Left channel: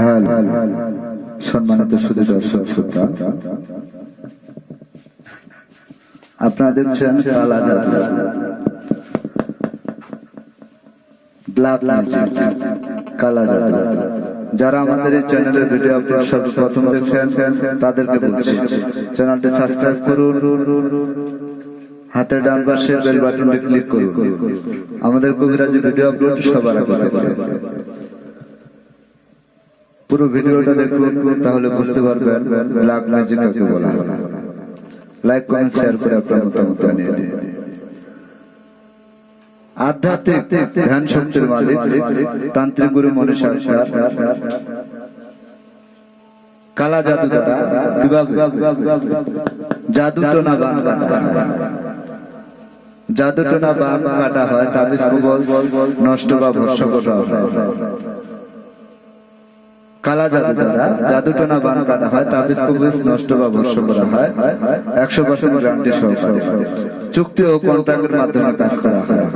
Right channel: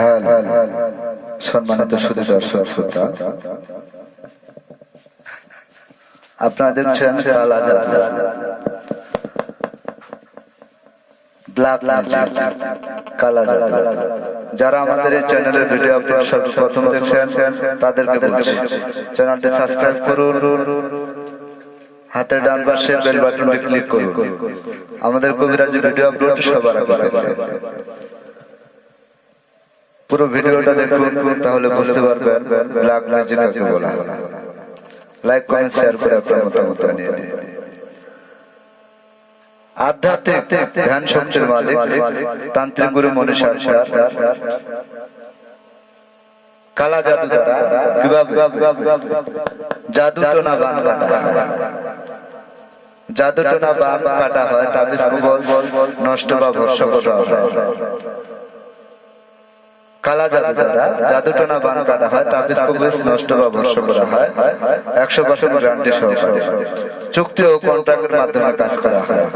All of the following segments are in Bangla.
হ্যাঁ সম্মানিত শুধু দর্শক শ্রোতা। যারা আমাদের এই চ্যানেলের ভিডিও আপলোড সর্বপ্রথম দেখছেন, তাদেরকে বলছি, চ্যানেলটি সাবস্ক্রাইব করুন। হাতের ডান পাশে বেল বাটনটি ক্লিক করুন। আমাদের কবিরাজি ভিডিও আপলোড সবার আগে। পুরো ভিডিওটা দেখুন, তাহলে বুঝতে পারবেন ব্ল্যাক ম্যাজিক কাকে বলা লাইক কমেন্ট শেয়ার করে আপনার মতামত জানিয়ে দিন আধ্যাত্মিক ধ্যান শক্তির মালিক তান্ত্রিক গুরু মনি সরকার, কালা জাদু দ্বারা জাদু টোনা বান কাটা জাদু টোনা বান কাটা হয়, তাবিজ নষ্ট বা ভর্ষ করা হয়। কালা জাদু দ্বারা জাদু টোনা বান হয় তাবিজ কবজ নষ্ট বা করা হয়। একশো পার্সেন্ট গ্যারান্টি সহকারে। চুক্তি ও কন্ট্রাক্টের মাধ্যমে কাজ করা হয়।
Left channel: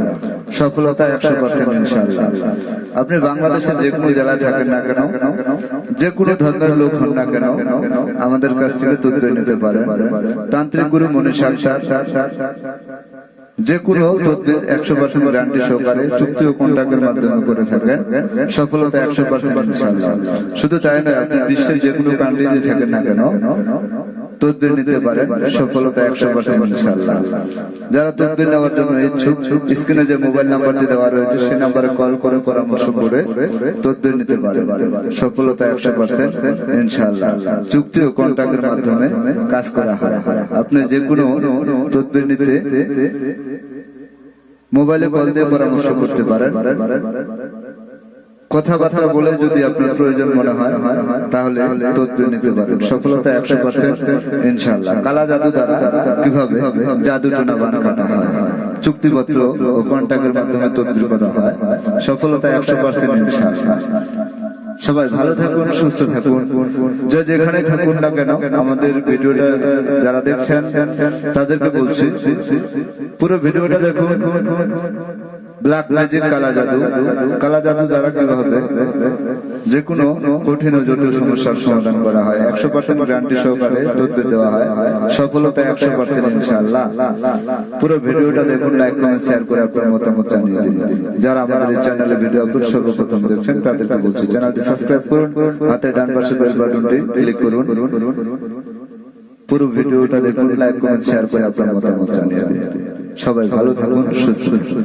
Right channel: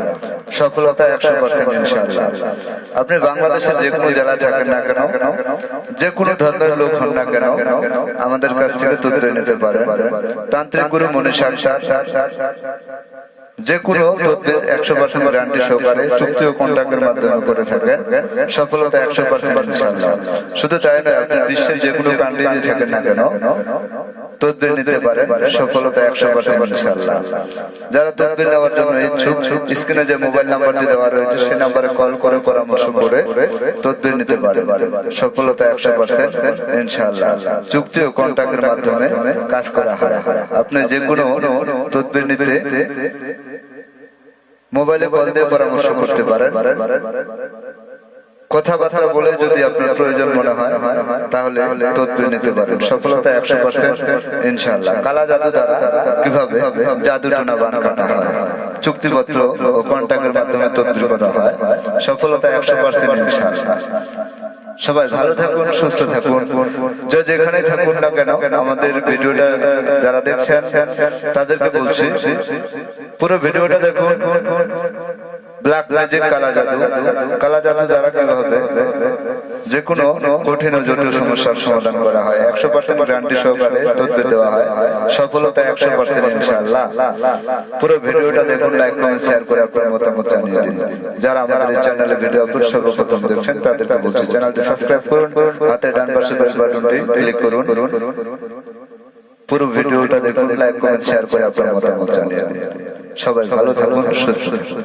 সফলতা একশো পার্সেন্ট আপনি বাংলাদেশের যে কোনো জায়গায় থাকেন না কেন, যে কোনো ধর্মের লোক হন না কেন, আমাদের কাছ থেকে তথ্য নিতে পারেন। তান্ত্রিক গুরু মনে সাক্ষাৎ যে কোনো তদবির একশো পার্সেন্ট গ্যারান্টি সহকারে চুক্তি ও কন্ট্রাক্টের মাধ্যমে করে থাকেন সফলতা একশো পার্সেন্ট শুধু তাই নয়, আপনি বিশ্বের যে কোনো কান্ট্রিতে থাকেন না কেন তদবির নিতে পারেন সফলতা একশো পার্সেন্ট ইনশাআল্লাহ। যারা তদবির নেওয়ার জন্য ইচ্ছুক স্ক্রিনে যে মোবাইল নাম্বারটি দেওয়া রয়েছে সেই নাম্বারে কল করে পরামর্শ করে তদবির নিতে পারেন সফলতা একশো পার্সেন্ট ইনশাআল্লাহ। চুক্তি ও কন্ট্রাক্টের মাধ্যমে কাজ করা হয়। আপনি যে কোনো তদবির নিতে মোবাইলে কল দিয়ে পরামর্শ করতে পারেন। কথাবার্তা বলে যদি আপনার প্রয়োজন মনে হয়, তাহলে তথ্য নিতে পারেন। সফলতা একশো পার্সেন্ট ইনশাল্লাহ কালা জাদু দ্বারা কীভাবে জাদু টোনা বান কাটা হয়? চুক্তিপত্র ও মাধ্যমে তথ্য করা হয়। সফলতা একশো পার্সেন্ট ইনশাল্লাহ সবাই ভালো থাকুন, সুস্থ থাকুন। যে যেখানে থাকুন না কেন, আমাদের ভিডিওটা যারা দেখছেন, তাদেরকে বলছি, পুরো ভিডিওটা দেখুন। ব্ল্যাক ম্যাজিক কালা জাদু। কালা জাদু দ্বারা কি যে কোনো কঠিন ও জটিল সমস্যার সমাধান করা হয়। একশো পার্সেন্ট গ্যারান্টি সহকারে তথ্য দেওয়া হয়। সফলতা একশো পার্সেন্ট ইনশাআল্লাহ। পুরো ভিডিওটা দেখুন লাইক কমেন্ট শেয়ার করে আপনার মতামত জানিয়ে দিন। যারা আমাদের চ্যানেলে ভিডিও আপলোড সর্বপ্রথম দেখছেন, তাদেরকে বলছি চ্যানেলটি সাবস্ক্রাইব করুন, হাতে ডান পাশে বেল বাটনটি ক্লিক করুন। পুরো ভিডিওটা দেখুন লাইক কমেন্ট শেয়ার করে আপনার মতামত জানিয়ে দিন। সবাই ভালো থাকুন, সুস্থ থাকুন।